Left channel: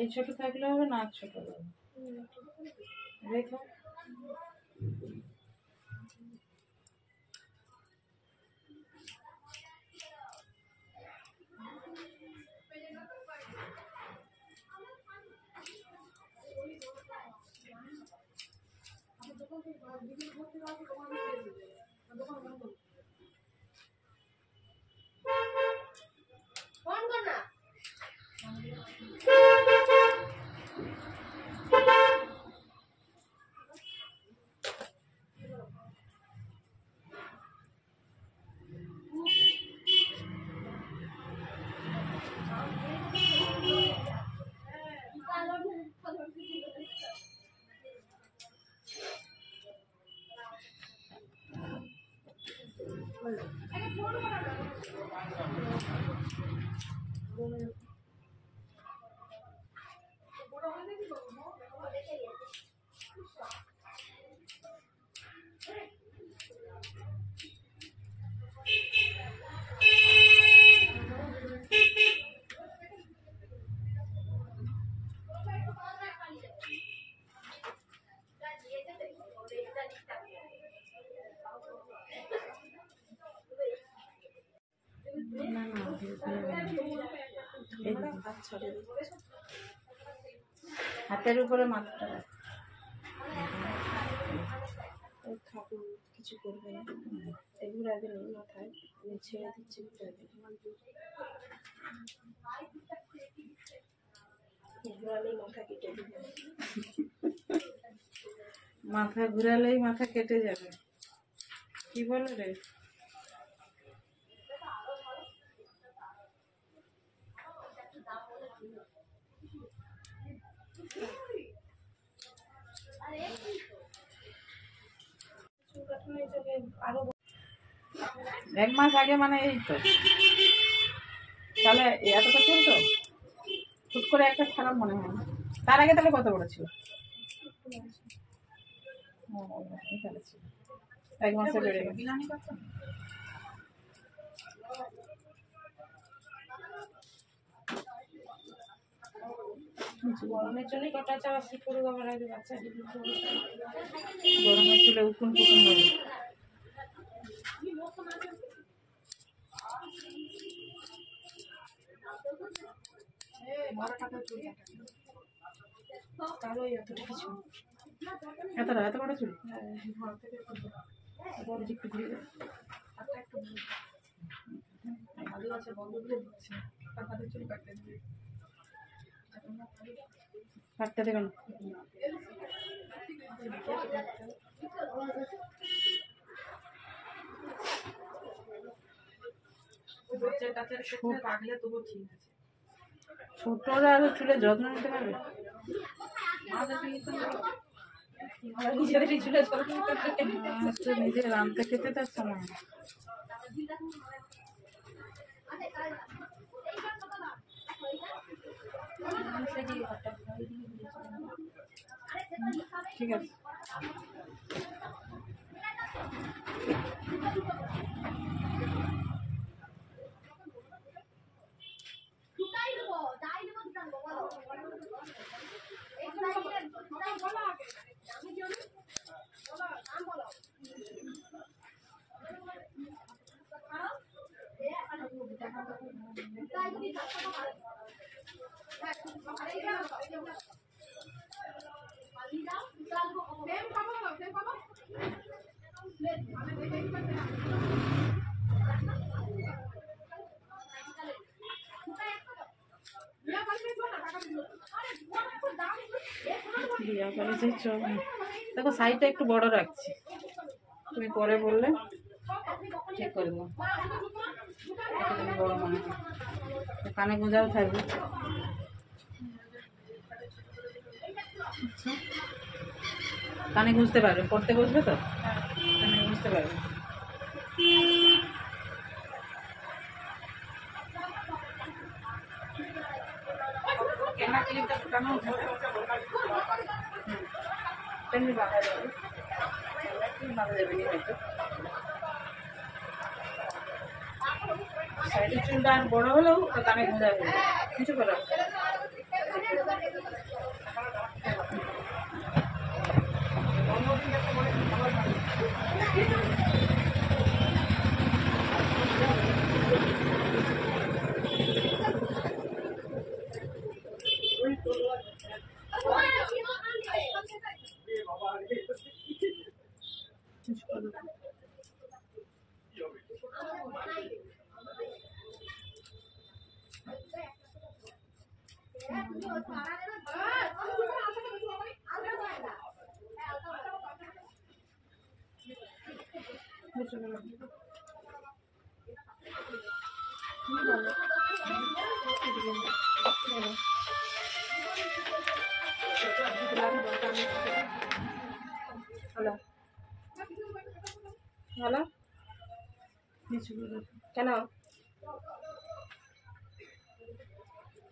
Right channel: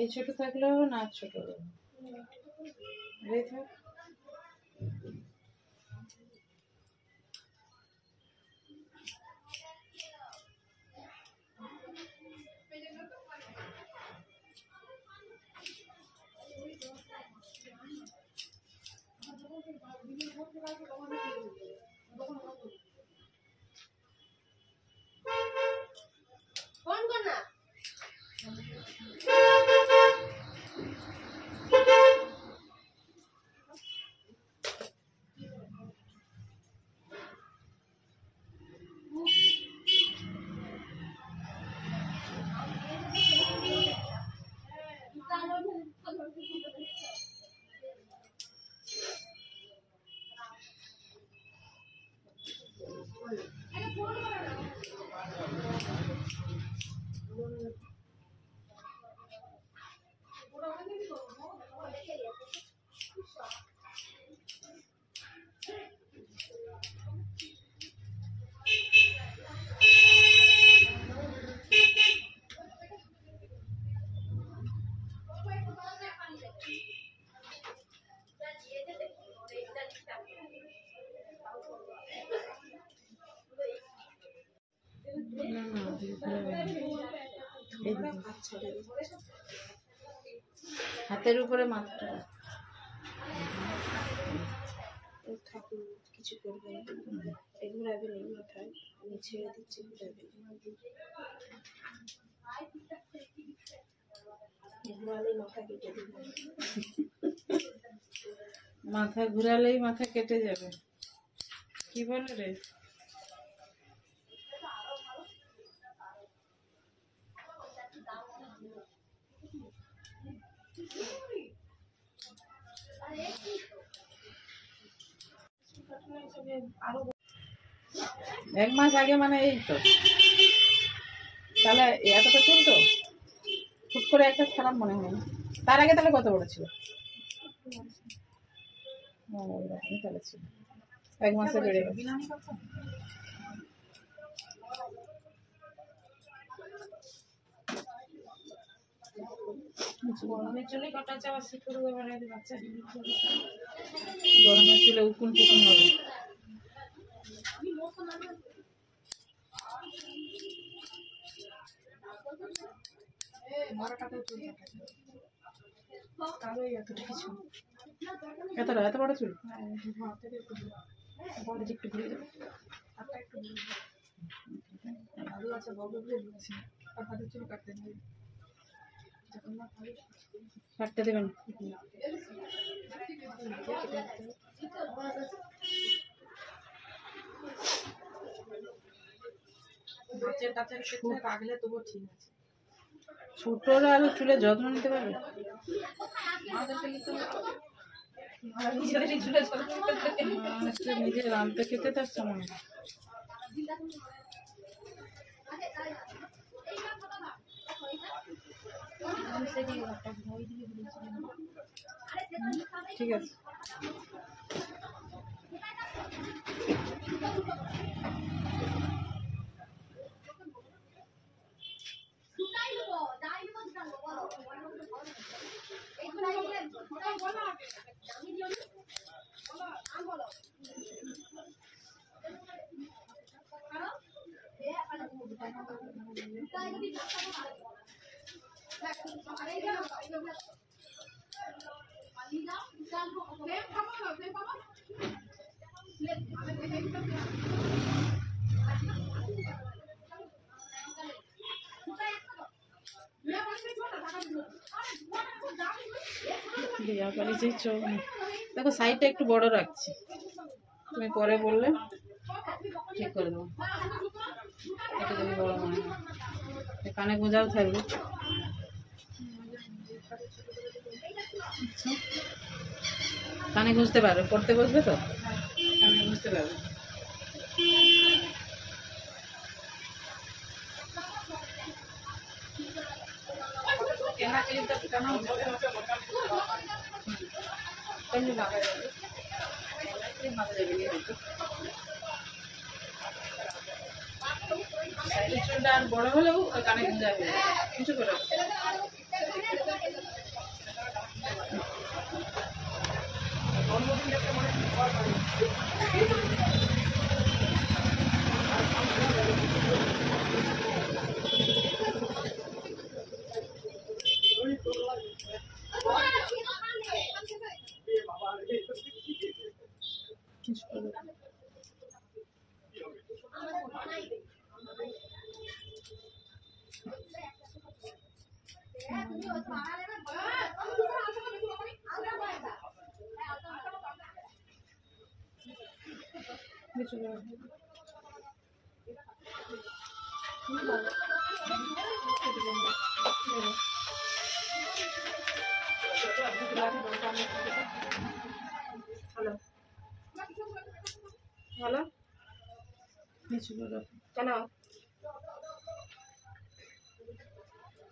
এই ছোট থাকলেও না ছোট রে থাক হাতের উপরে মাথাটা ঠাকুর কিছু করবে না, ঘুরাবে নেই মাথায়, আমি ছেড়ে দিচ্ছি ঘুরাবে, ঘুরালেই মাথা কেটে দেবে, মাথা ঘুরালেই মাথা কেটে যাবে, কি বলো রে? এক মাস আগে মানে এই তো, তাহলে এতটা চলতো? হুট করে একটা খারাপ মনে হয় না। তার আগে তাহলে কত বড় ছিল? তাহলে ছিল এক মাসে বেড়ে গেছে। গরমের চলে কটা চাওয়া শীত করে বাচ্চা গরমের চুলে উকুন টুকুন হবে। এতটা এত বড় চুল? একটু ঘুরে যাবে, ভালো আছে, বন্ধ করে দিচ্ছি। আর হাতের চুল কাটতে দেবে, কাটতে দেবেন। ছোটরা আরো চুলে যত্ন নিতে পারবে, নিজে রামতে খেতে তার সময়। ঠিক আছে, দেখো সাইডটা একটু বড় রাখছি, তুমি পরে বললে ঠিক করে দেবো, এটা তুমি বড় মনে হয়। কানে গোঁজাও থাকবে। আচ্ছা, কানে বুঝতে পারবে, পড়তে বসবে তো কানে বুঝতে পারবে। কেনা ক্লিপটা ফুটানো হচ্ছে, পেন্ডি বাঁধা যাবে, ক্লিপ বাঁধা যাবে নি হয়তো। সাইডের চুলটা আর বড় হলেও ওটা কানে গুঁজা হয়ে যাবে, কিছু করে হ্যালো হ্যালো কেন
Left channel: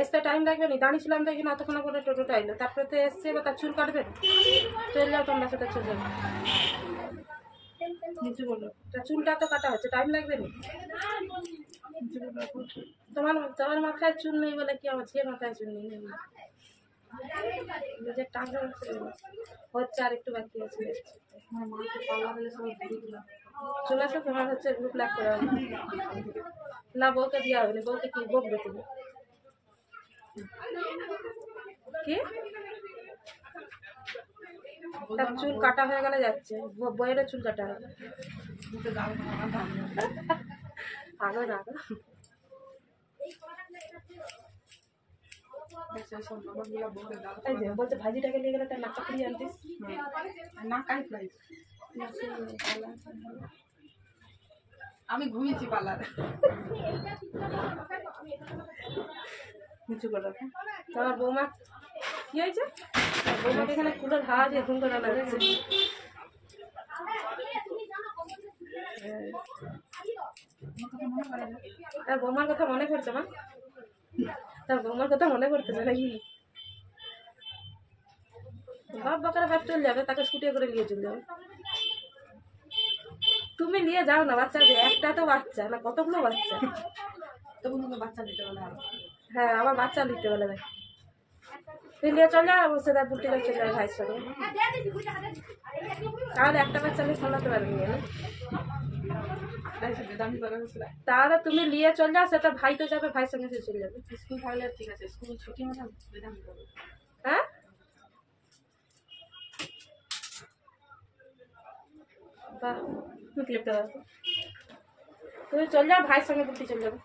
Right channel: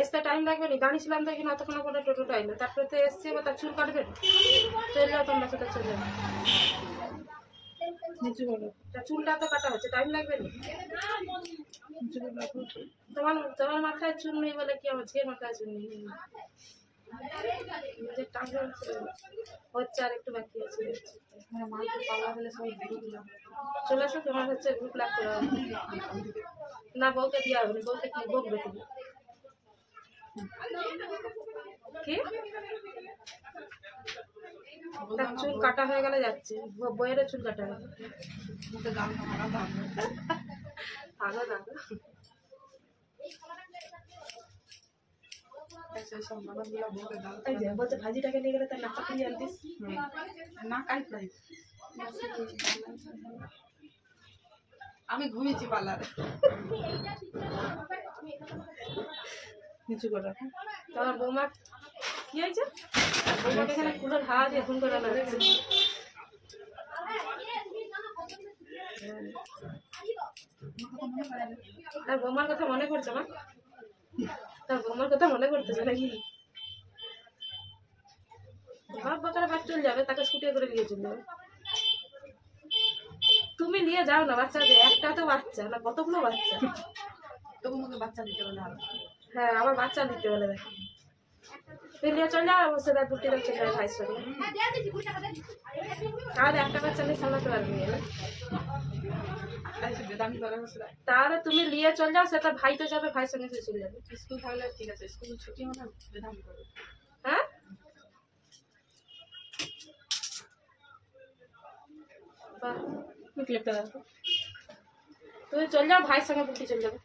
আসতে টাইম লাগবে না? দাঁড়িয়েছিলাম তো এখানে অতক্ষণ করে টোটোটা এলো, তারপরে তো এসছে, এবার তার চুল কাটবে না? চলে যাও তোমরা, সেটা চলে যাও। নিচু বলো, তা চুলটা তো কাটা হচ্ছে, টাইম লাগবে না? তোমার তোমার মাথায় চুল নেই বলে কি আমার ঝিয়ে মাথায় চুল নেই? নিজের টাকা হচ্ছে, আর একটু বাকি আছে। আমার মাকে পাল্লা দিলে সবাই ভিডিওগুলো চলে আসো, তোমার হচ্ছে গ্রুপ লাগ করা হবে না? বউকে দেওয়া হবে না, বউকে কি বকবে তুমি? কি তার চুল কাটা হয়ে গেলে যাচ্ছে, বইয়েরও চুল কাটা হবে। ভালো না বলছে ভাজিটাকে নিয়ে গেলে তার নাকা ফিরিয়ে আনতিস না, কাই প্রাইস আমি ঘুমিয়েছি পার্লারে। নিচু করে রাখো। তোমার বৌমা কি হয়েছে? বৌমাকে এখানে কুলোর হাওয়া দিয়ে ঘুম করে আনা হচ্ছে। তার বৌমার কথা মনে পড়ছে না? তার বৌমার কথা মনে পড়তেছে নাকি? বাপ বাকারা বাপ চলে যাবে, তাকে স্কুটি করে নিয়ে চলে যাবে। তুমি নিয়ে যাও না বাচ্চাকে, একটা তো বাচ্চা না, কতগুলো বাচ্চা? তবু আমাকে বাচ্চা দিতে বলে আরো। হ্যাঁ, আমার বাচ্চা দিতে বলে দেখ। তুই নিয়ে চলে যাও, সেটা বুটিরা চলে যাবে ভাইয়ের সঙ্গে। তাহলে একটা বাচ্চা নিয়ে সামলাতে পারবি না। তাহলে তুমি নিয়ে চলে যাও, সেটা ভাই তো যাবে, ভাইয়ের সঙ্গে সে চলে যাবে। স্কুল থাকলে ঠিক আছে, স্কুল ছুটি হলে বেদামি করবে। হ্যাঁ, বাহ, তুমি ক্লিপটা দেখো। তুমি চলে যাও, ভাইয়ের সঙ্গে বুটি চলে যাবে।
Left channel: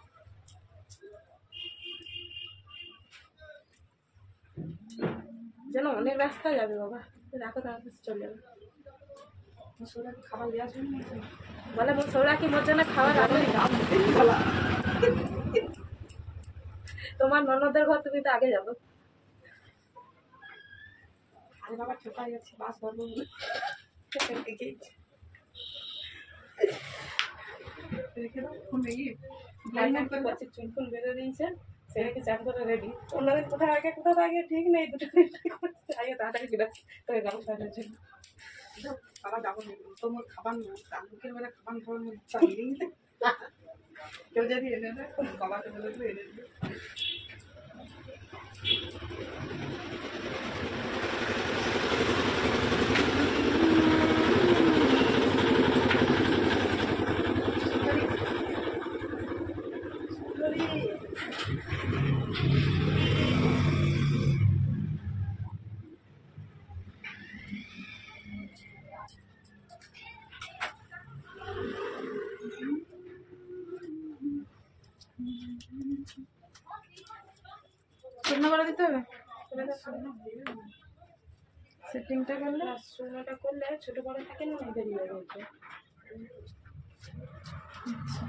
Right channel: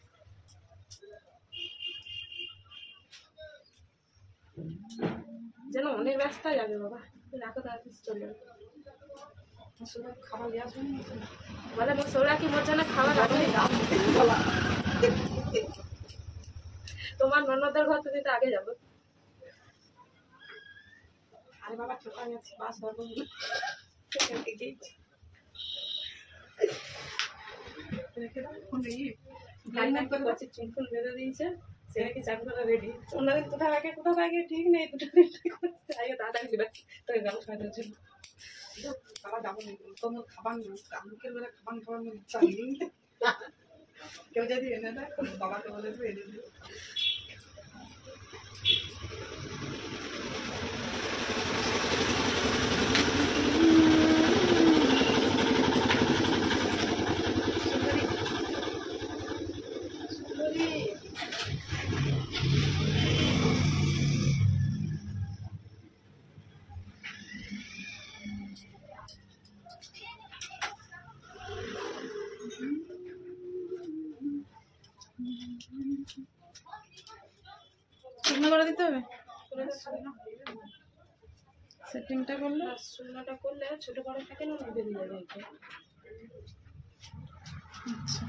যেন অনেক রাস্তা যাবে বাবা, রাখো তাড়াতাড়ি চলে যাবে। খাবার দেওয়ার জন্য বলে আমার সৌরা কি মজা না খাওয়া লাগবে? তোমার ননদের ঘর তুমি তো আগে যাবো। আরে বাবা ঠোকা যাচ্ছে, বাস ধরবো রেখে দাও। ফোন দেখি চুল ফুল বেঁধে দিয়েছে, সেটাকে চান করে রেডি। অন্যদিন কোথাও আগে ঠিক নেই, দুটো আগে তাড়াতাড়ি ফিরে তোকে গান খাওয়ানোর জন্য। বাবা যাবো না, তোমার খাবার মুখের বেলা খাবার ইচ্ছা নেই। কেউ যদি এনে দেয় বাবাকে বলে দেবে এনে দিও। শুকনো করে দিতে হবে, সেটিংটা করলে শুকনোটা করলে ছোট বড় থাকে না, বেরিয়ে যাবে এটা। আচ্ছা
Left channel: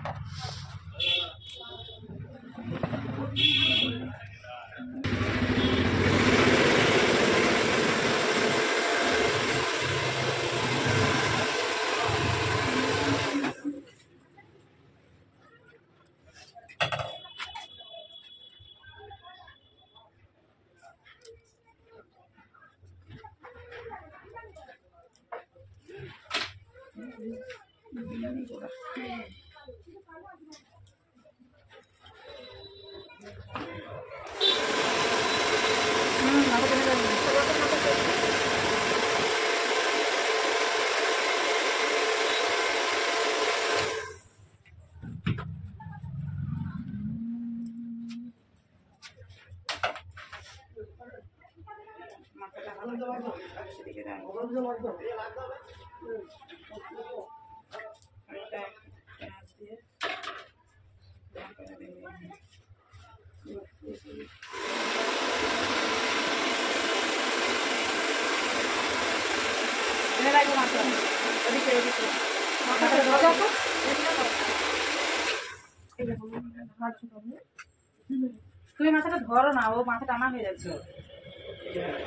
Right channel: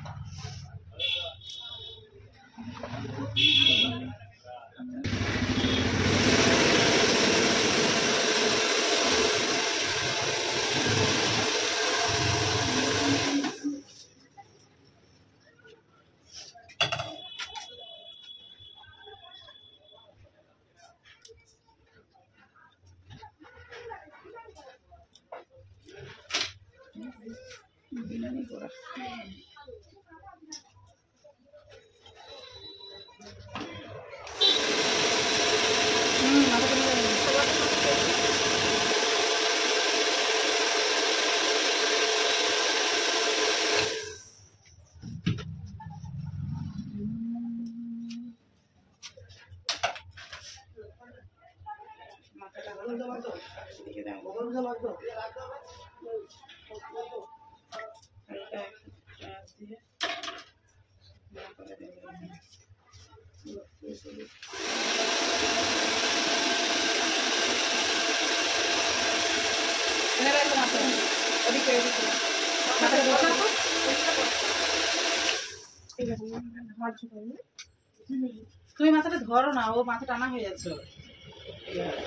তুমি মাথাটা ধরো না, ও মাথা টানা হয়ে যাচ্ছে,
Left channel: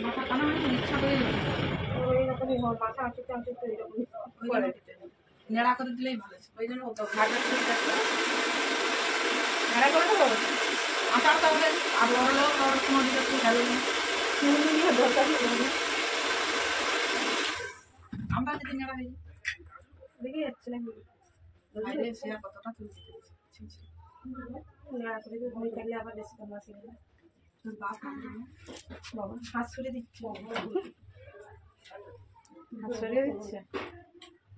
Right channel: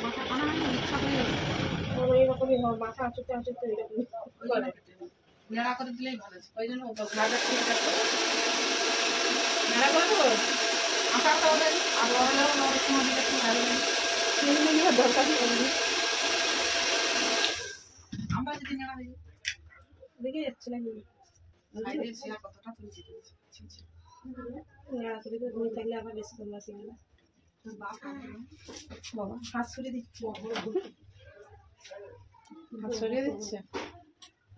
মাথা টানা হয়ে ইচ্ছা করে এইরকমই হয়, মাথা আঁচুতে আঁচুতে এরকমই নেড়া করে দিলেই ভালো, ওই জন্য ভাজা করে নেড়া করে দেবো আটা আটা হবে আর হলেও সময় দিলে একটু ভালো দরকারই করবি। আমরা যদি নেড়া হয়ে দেখে যাচ্ছে না সেরা কতটা তুমি দিতে নেড়া করে হয়ে থাকলে আবার বেশি তোমরা শিখে না। বাবা হাত সরিয়ে দিচ্ছে, হাত সরিয়ে দিচ্ছে,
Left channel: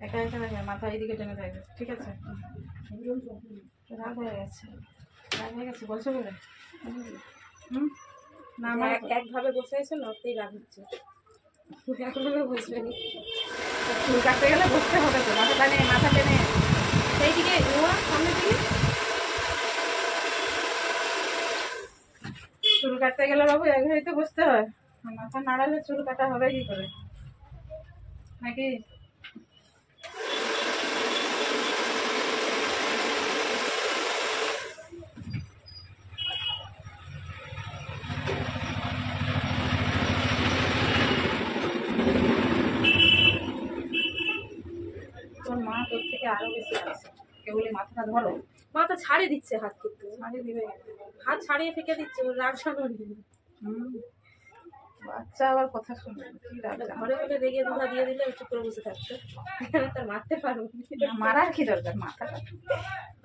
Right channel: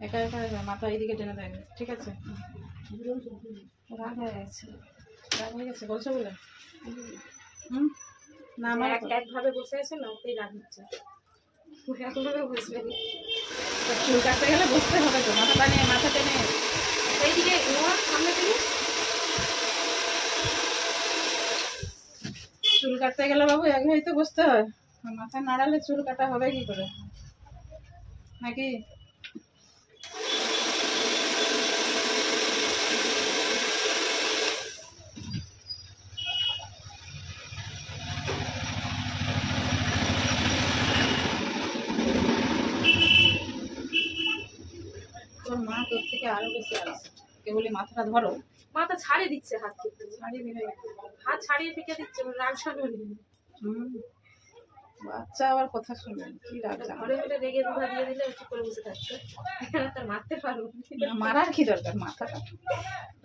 একা একা দেখে মাথা এইদিকে টেনে থাকবে, ঠিক আছে? রাগ হয়ে গেছে, রাগ হয়ে গেছে বলছো বলে? না আমার একভাবে বসে আছে না, ওতেই রাগ হচ্ছে, একভাবে বসবে না। চুল কাটতে গেলে বসতে হবে তো, মাথা টেনে মাথা টেনে সেইদিকে ওর সামনে দিই। চুল কাটতে গেলে বাবু এক ঘড়িতে বসতে হয়, মাথা নাড়ালে চুল কাটা হবে কি করে নাকি? তোর মা তোর থেকে আরো বেশি আছে, কেবলই মাথাটা ধরো, মাথা ছাড়িয়ে দিচ্ছে, হাত কিন্তু ছাড়িয়ে দিবে, হাত ছাড়িয়ে ফেঁকে দিচ্ছে, ওর রাগ সামনে। বাচ্চা আবার কথা শুনবে, কি রাগ জানো? ঘরে ঘরে রেগে দুধা দিয়ে দিলে চুপ করে বসে থাকছে, এখানে তার মারতে পারবো মারার কি দরকার, মাথাটা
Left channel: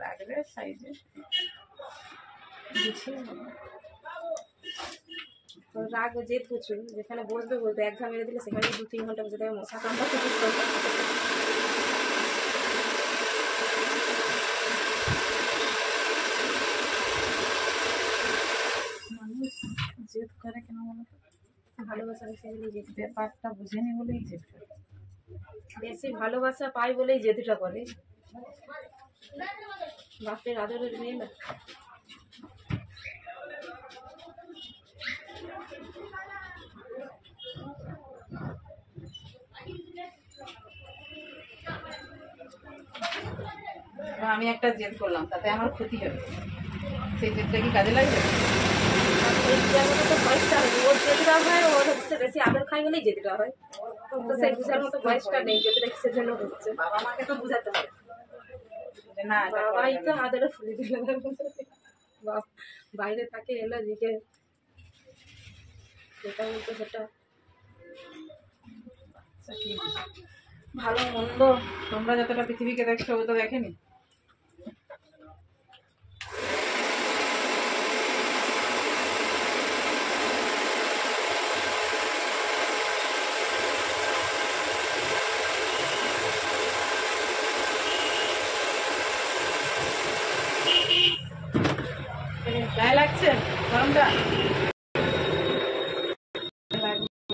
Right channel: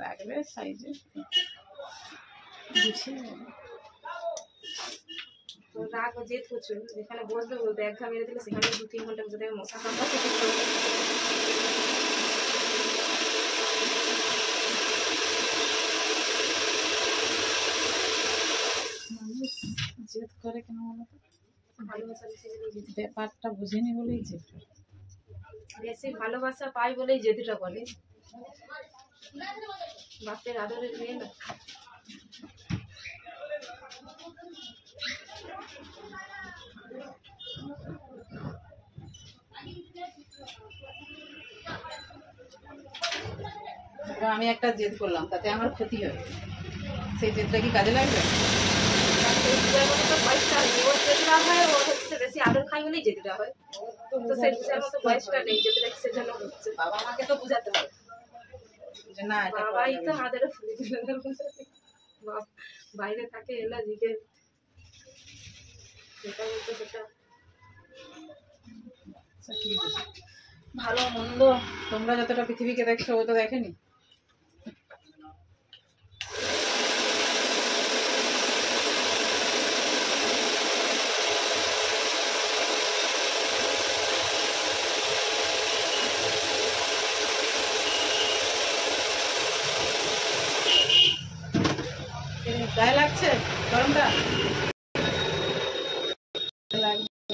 রাখবে সাইজে গুছিয়ে নেবে। রাগ ও জেদ প্রচুর, যেখানে বসবে বলতে এক ঘা মেরে দিলে সেখানে 2-3 ঘন্টা বসে থাকবে, মশা কামড়া মানুষ জেদ করে কেন বলো তো? ভালোবাসা বেশি, ব্যাপারটা বুঝেনি বলেই জেদ করে, বেশি ভালোবাসা পাই বলেই জেদটা করে। বাপের আদরের মেয়ে না, আমি একটা জেদ করলাম তাতে আমার ক্ষতি হবে, সেই জেদটা কি কাজে লাগবে? বেশি আদর খাই বলেই জেদিটা হয়, তো সেই বুঝার মতো বয়সটা নেই, যেটা কিসের জন্য হচ্ছে। বাবা মাকে তো বুঝাতে হবে যে না, বাবাই তো আদরে ফুলে দিল, বাইরে থাকে এলো দিকে যেটা বলতো সেটা। ভালো মন্দ তোমরা যতটা পৃথিবীকে দেখছো ও তো দেখেনি। গায়ে লাগছে গরমটা,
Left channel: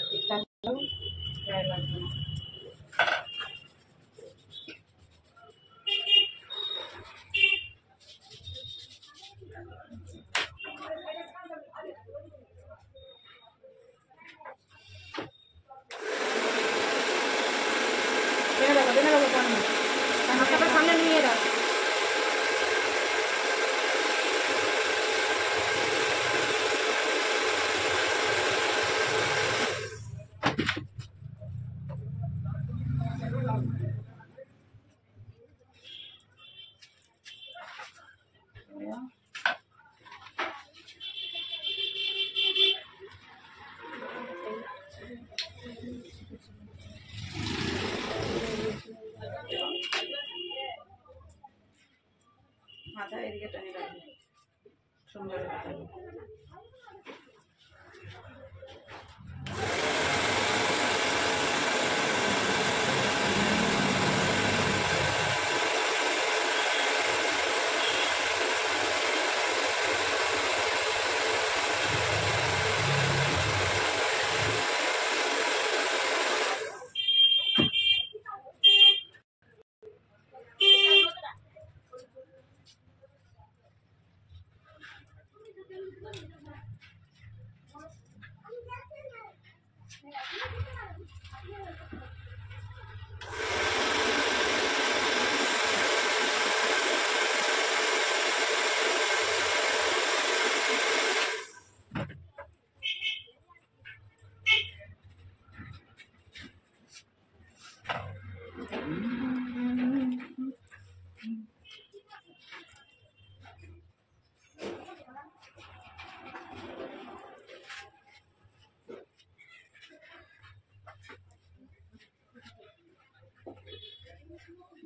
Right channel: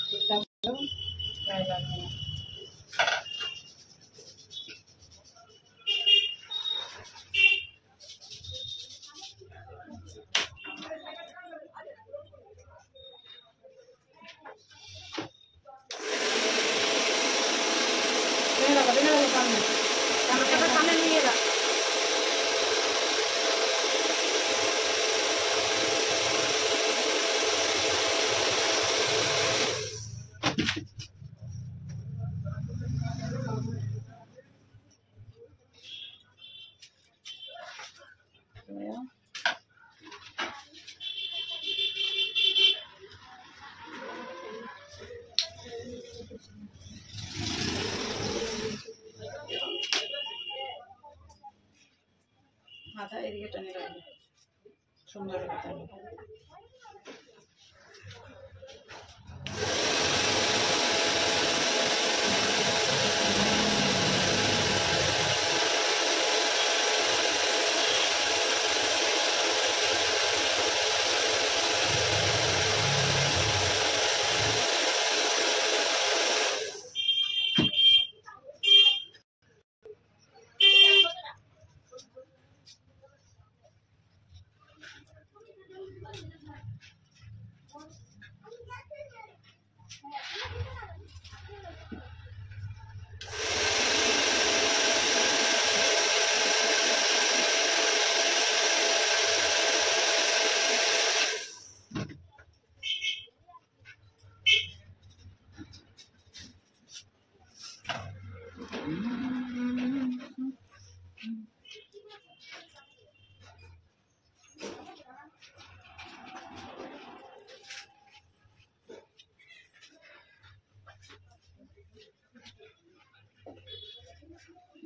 ঠিকঠাক গায়ে লাগছে না। সামনে নিয়ে রাখ, হাতা এদিকে টানি রাখবে, সুন্দর টানি।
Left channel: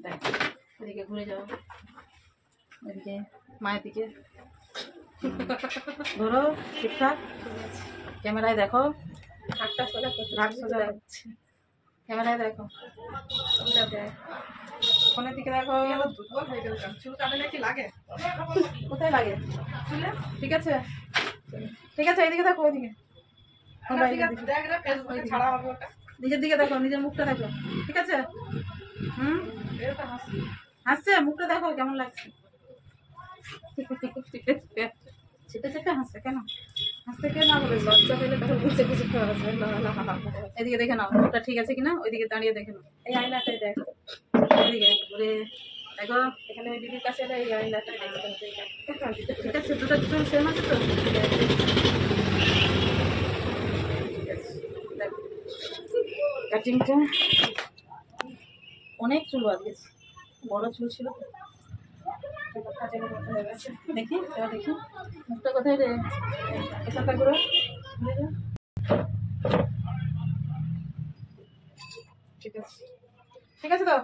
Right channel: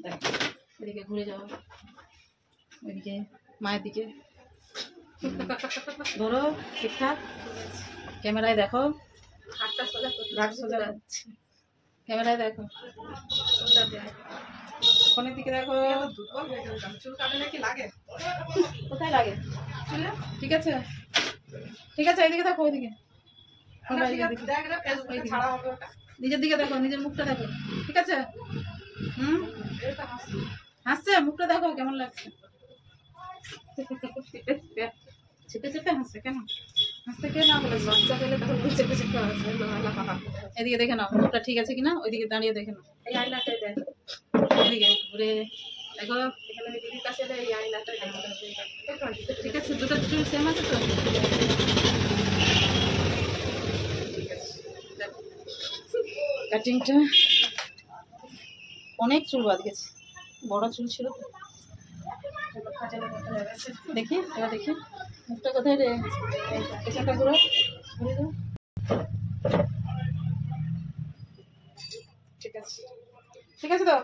দেখো ওইদিকে ঘুরে যাও, ওইদিকে মায়ের দিকে ধরো ঠিকঠাক, ক্যামেরায় দেখো, হাতটা সোজা করতে রাগ সোজা যাচ্ছে, ক্যামেরায় দেখো, ফোনের দিকে দেখো। দুর্বল হয়ে গেল, চুল কাটলে কি লাগে? কোথায় লাগে? চুলে? ঠিক আছে ঠিক আছে, এইদিকে দেখো, ওইদিকে দেখ রে, ফেসবুকে ছাড়া হবে ওটা। নিজের দিকে দেখো, নিজের মুখটা দেখো, ঠিক আছে? এটা হাসি। হাসছে, মুখটা দেখো কেমন লাগছে। চেপে চেপে হাসছে কেন? হাসতে কে না বলে? বাচ্চা পেলে তখন চেপে চেপে হাসবে। এদিকে দেখে নাও মুখটা ঠিক আছে কিনা, ওইদিকে দাঁড়িয়ে দেখে নাও, এই আয়নাটাই দেখ, ওইদিকে ঘুরে দেখো। এখানে আমি দিদির কাছে এলে এই আয়নাটাই ঠিক আছে, দুটো চুল সেম আছে তো? কাটিংটা অনেক চুল বাদ গেছে, বড় চুল ছিল তো। দেখি এবার দেখি মুখটা কোথায় রে, এখানটা ঘুরে ঘুরে যাও। ঠিক আছে ঠিক আছে তো।